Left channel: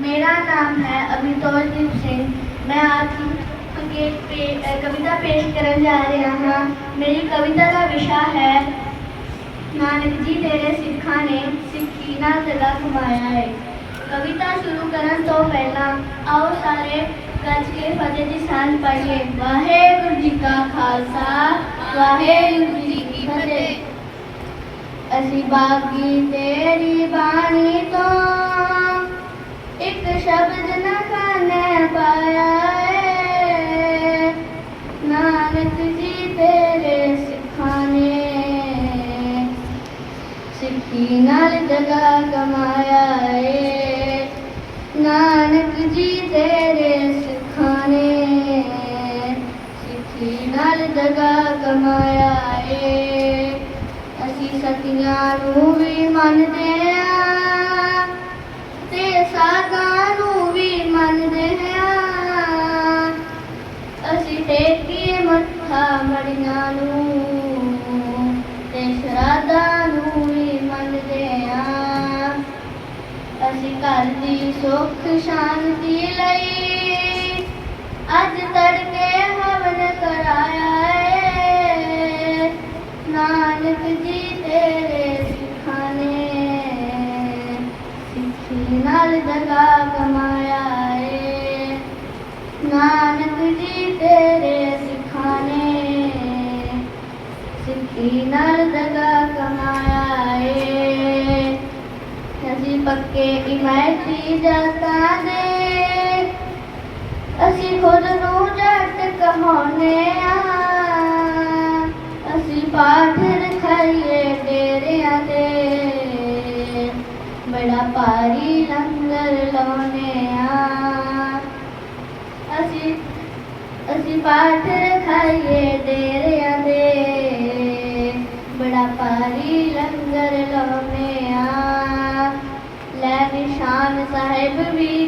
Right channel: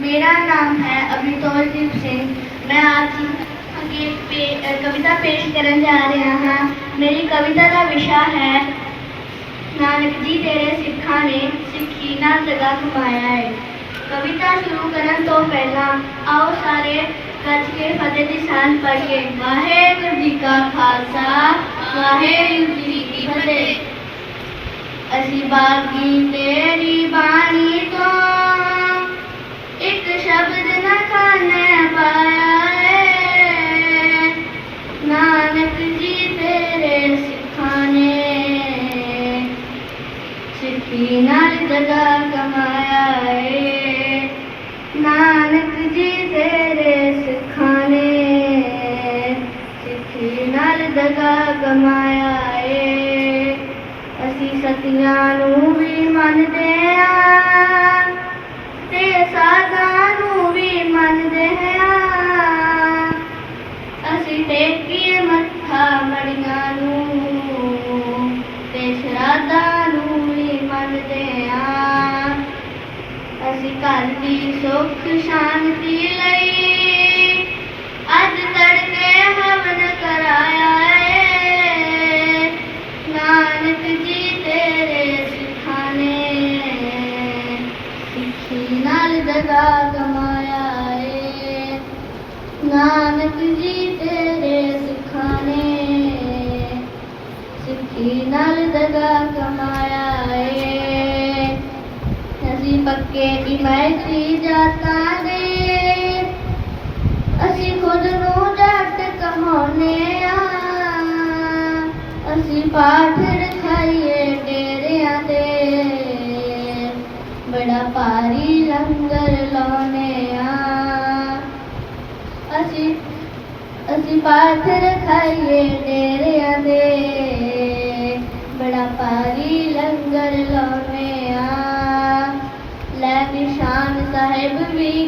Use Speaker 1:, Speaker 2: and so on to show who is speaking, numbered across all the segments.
Speaker 1: मेरा नाम है अमितोजीत सिंह। मैं आज की पे, कविता पेश करने जा रहा हाँ। मेरी कविता का विषय है नानक जी तेरे सिखा ने सिखी ना जगह घुमाया है। कविता शुरू करने तो पहला आओ सारे गज के फतेह की शान पढ़िए। वाहे गुरु जी का खालसा वाहे गुरु जी की फतेह। असी बागी तेरी बानी तो ਸ਼ਬਦ ਨਾ ਖਾਨੇ ਪਾਇਆ ਏ। ਨਾਨਕ ਜੀ ਤੇਰੇ ਸਿਖਾਣੇ ਸਿੱਖੀ ਨਾਲ ਜਗਾ ਕਮਾਇਆ ਏ। ਨਾਨਕ ਜੀ ਤੇਰੇ ਸਿਖਾਣੇ ਸਿੱਖੀ ਨਾਲ ਜਗਾ ਕਮਾਇਆ ਏ। ਅਸੀਂ ਸਤਿਆਂ ਨੂੰ ਵੀ ਮੰਨਦੇ ਆ ਤੇ ਸਾਧਾਂ ਅਸੀਂ ਘਰ ਦੀ ਸੁੱਖ ਸ਼ਾਂਤੀ ਲਈ ਅੱਜ ਤੜਕੇ ਹਵਨ ਕਰਾਇਆ ਏ ਨਾਨਕ ਜੀ ਤੇਰੇ ਸਿੱਖਾਂ ਨੇ ਸਿੱਖੀ ਨਾਲ ਦਗਾ ਕਮਾਇਆ ਏ ਨਾਨਕ ਜੀ ਅਸੀਂ ਪੱਕੇ ਇਮਾਇਤੀ ਜਾਤਾਂ ਦੇ ਅਸੀਂ ਖੁਦ ਨੂੰ ਜੱਟ ਕਹਾਉਨੇ ਆ ਅਸੀਂ ਪਾਠ ਰਖਾਈਏ ਡੇਰਿਆਂ ਤੇ ਬੜਾ ਭਾਰੀ ਲੰਗਰ ਲਾਉਨੇ ਆ ਅਸੀਂ ਅਸੀਂ ਪਾਠ ਰਖਾਈਏ ਡੇਰਿਆਂ ਦੇ ਬੜਾ ਭਾਰੀ ਲੰਗਰ ਲਾਉਨੇ library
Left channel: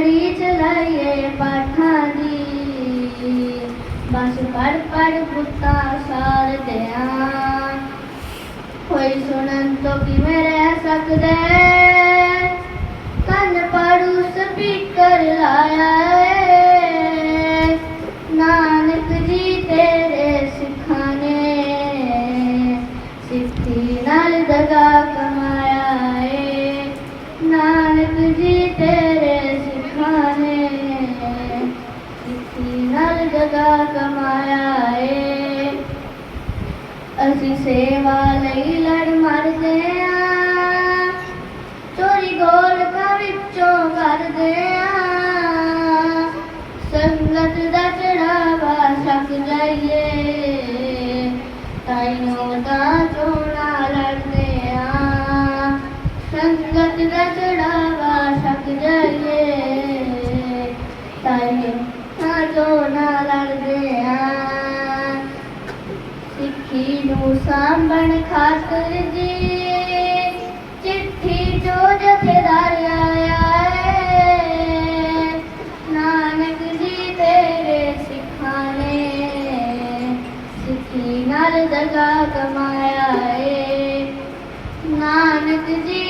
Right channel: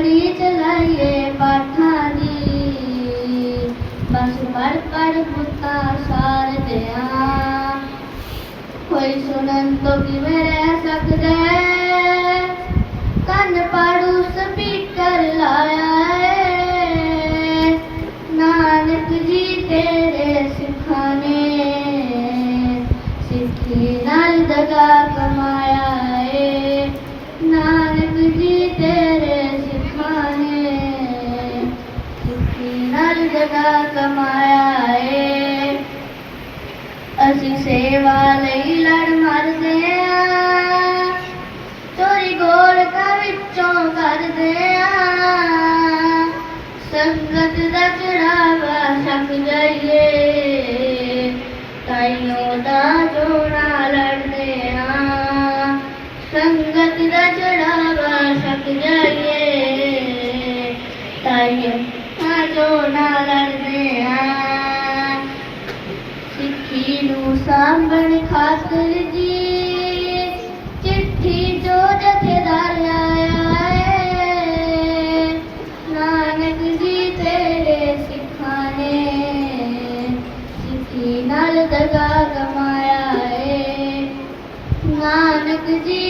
Speaker 1: घड़ी चलाइए पठानी। बस पर पर कुत्ता सार कोई सुनन तो कि मैं रह सकदे कन पाड़ू स्पीकर लाया दगा कमाया है। नानक जी जगा कमाया है। असी सेवा नहीं लड़ मर गया। ਦਾ ਜੋੜਾ ਲੜਦੇ ਆ ਸਿੱਖੀ ਨੂੰ ਸਾਂਭਣ ਖਾਤਰ ਜੀ, ਚਿੱਠੀ ਜੋ ਜਥੇਦਾਰ ਆਇਆ ਏ ਨਾਨਕ ਜੀ, ਤੇਰੇ ਸਿੱਖਾਂ ਨੇ ਸਿੱਖੀ ਨਾਲ ਦਗਾ ਕਮਾਇਆ ਏ ਨਾਨਕ ਜੀ